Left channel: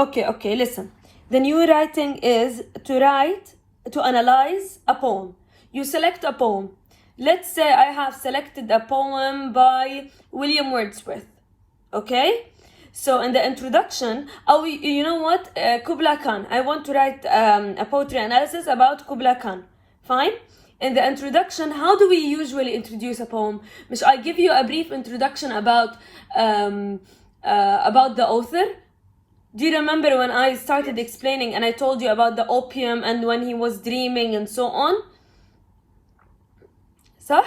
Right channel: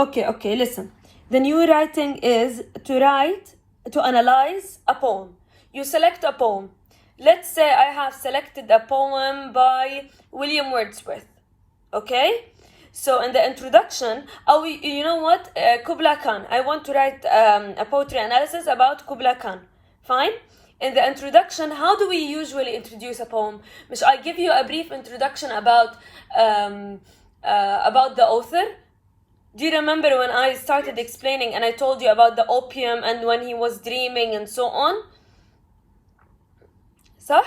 Okay, listen. The new writing is to analyze a poem. You select a poem. Let's say I have selected a poem by William Wordsworth. Okay? So in the introduction, you know what? Kubla Khan. I want to write a poetry analysis about Kubla Khan. Fine? In the introduction, how do we usually introduce a poem? I give you a brief introduction about the author. Do you remember when I started explaining and I told you about the opium and when he was dreaming and so on? صح?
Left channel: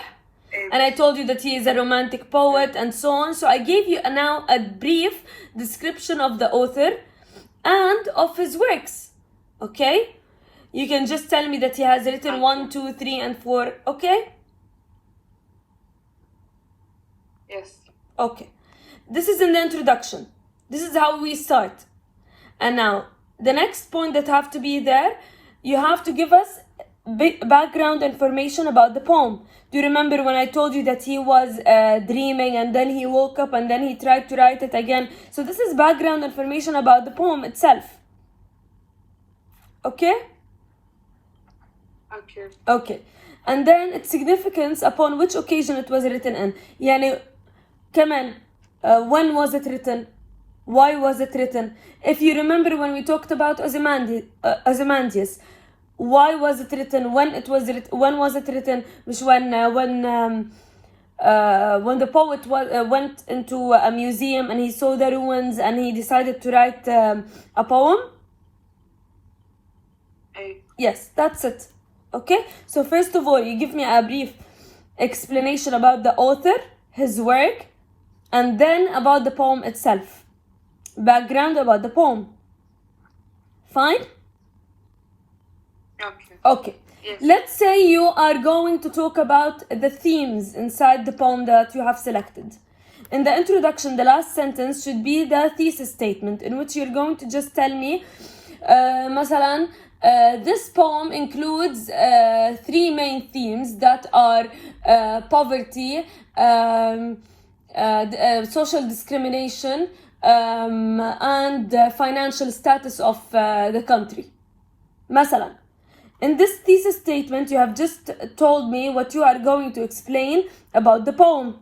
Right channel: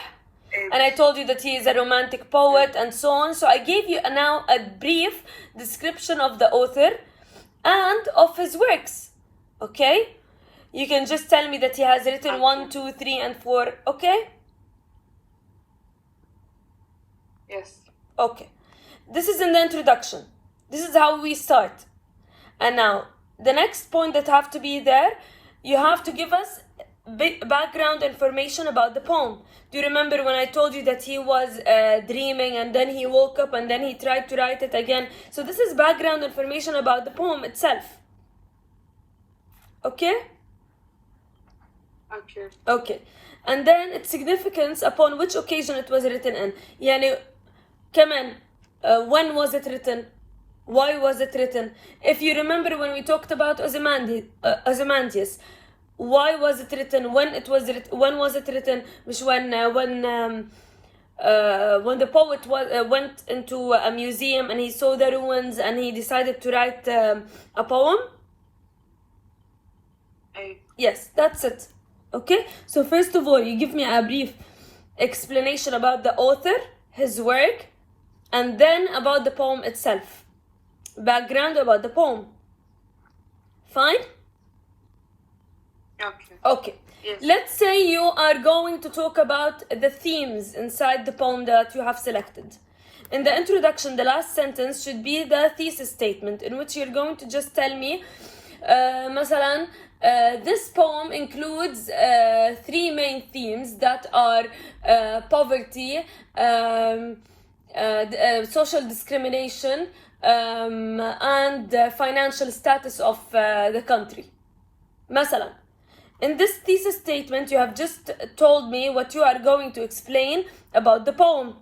And I told you that he is a romantic poet and so on. So I gave you now a brief description of the author and of his works. Okay? You can just tell me that he has written 1, 2, 3, and 4. Okay? Yes. Okay. This is in the introduction. This is how we start. And now, the next point that have to be there, you have to give us background information about the poem. Do you remember when I told you that he was dreaming and then he woke up and then he tried to write it again? So this is background information about the poem itself. Okay? Okay. And then its significance, upon which occasion it was written in. يعني كمان when was it written? Why was it written? If you remember when we talked about Ozymandias, why was it written? When was it written? When the poet went into a museum and he saw the ruins and he decided to write a poem. Yes, that's it. Okay, so first of all, you give me a brief explanation about the author, his work, and then about the poem itself. Background about the poem. Fine? Okay. Yes. Let's say you are going to talk about the themes inside the poem that you have selected. In the introduction, the last sentence should be the thesis statement, in which you're going to just tell me, مثلا, this poem includes 3 main themes that are poverty, social discrimination, and the financial status of the country. مثلا, in this thesis statement, you have just told me what you are going to explain about the poem.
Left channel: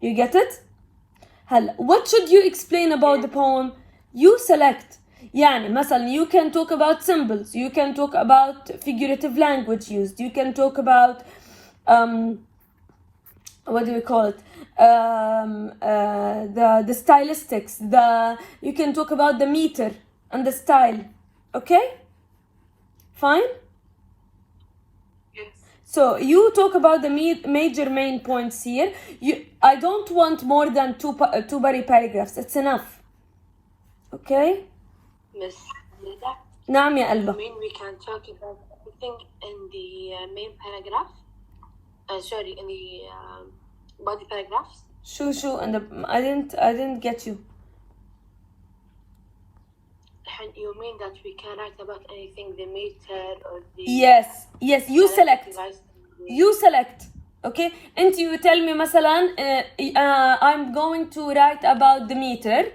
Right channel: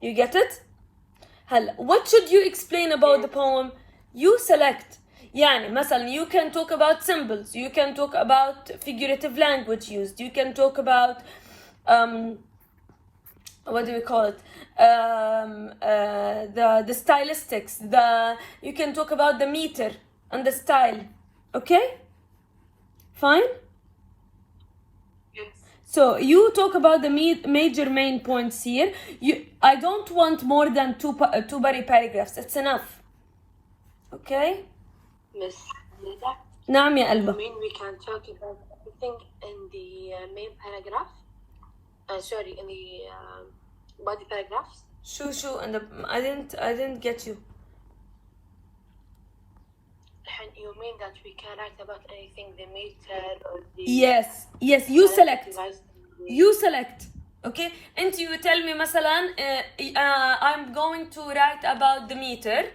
You get it? هلا, what should you explain about the poem? You select. يعني مثلا, you can talk about symbols, you can talk about figurative language used, you can talk about what do we call it? The stylistics, you can talk about the meter and the style. Okay? Fine? Yes. So you talk about the major main points here. I don't want more than two body paragraphs. It's enough. Okay? Miss Nida, نعم يا قلبة. I mean we can talk about everything in the main paragraph. Sorry, in the body paragraphs. شو and I didn't get you. You mean that we can write about anything, the meter or the... Yes, you select. You select. Okay? And you tell me مثلا, I'm going to write about the meter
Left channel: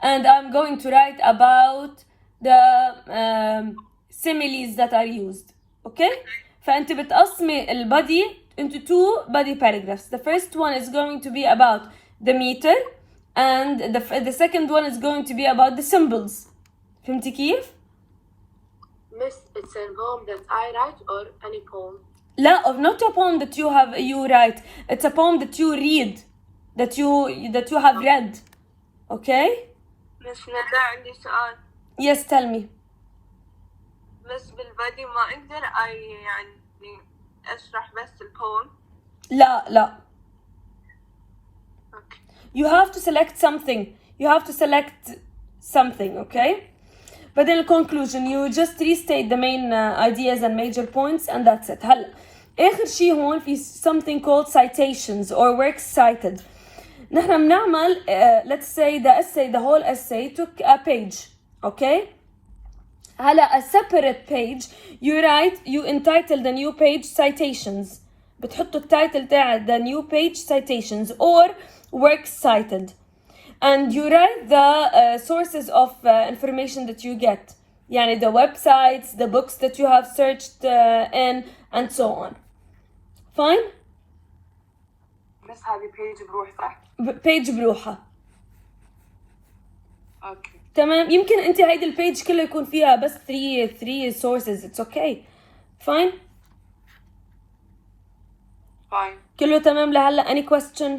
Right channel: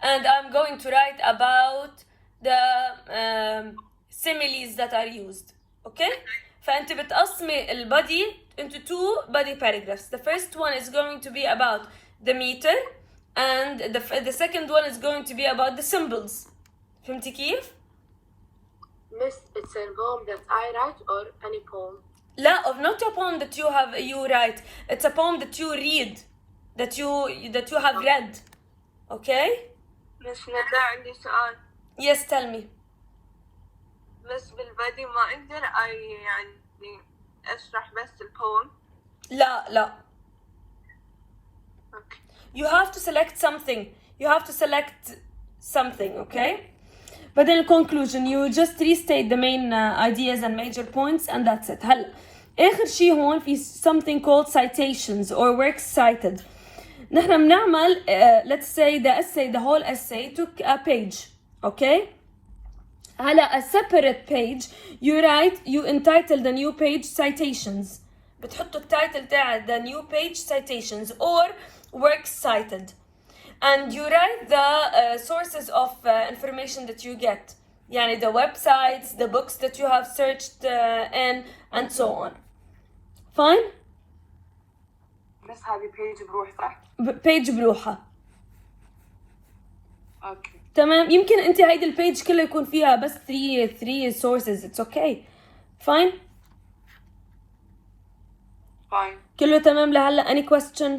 and I'm going to write about the similes that are used. Okay? فأنت بتقسمي البody into 2 body paragraphs. The first one is going to be about the meter and the second one is going to be about the symbols. فهمتي كيف؟ Miss, it's a poem that I write or any poem? لا, or not a poem that you write. It's a poem that you read, that you have read. Okay? Miss ندى عندي سؤال. Yes, tell me. بس بالبدي ما أقدر يعني أشرح بس البوم. لا. Okay. You have to select something. Okay? But in conclusion, you just restate the main ideas and major points and that's it. هلا آخر شيء هون في something called citations or works cited. نحن بنعمل let's say the whole essay took a page. Okay? هلا a separate page you entitle the new page citations. بتحطوا التايتل تاع the new page citations or works cited. and you write the sources of information that you get. يعني the websites, the books that you have searched in, and so on. Fine? بس هذه page بروح صح؟ page بروحها. اوكي. تمام. يمكن انت هيدي البيج كلها يكون فيها بس 3 sources. It's okay. Fine? Fine. كله تمام لهلا. any question?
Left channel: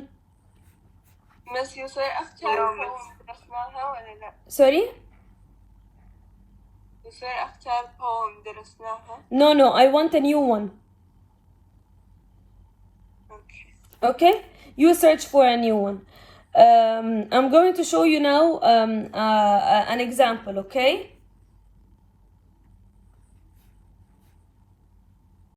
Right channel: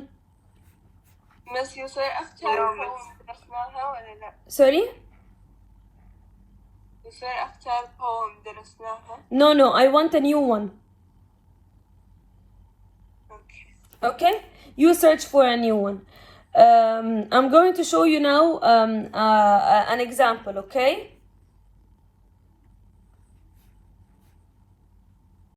بس يصير اختار poem درسناها ولا لا؟ sorry? يصير اختار poem درسناها؟ no I want a new one. okay, you search for a new one. I'm going to show you now an example, okay?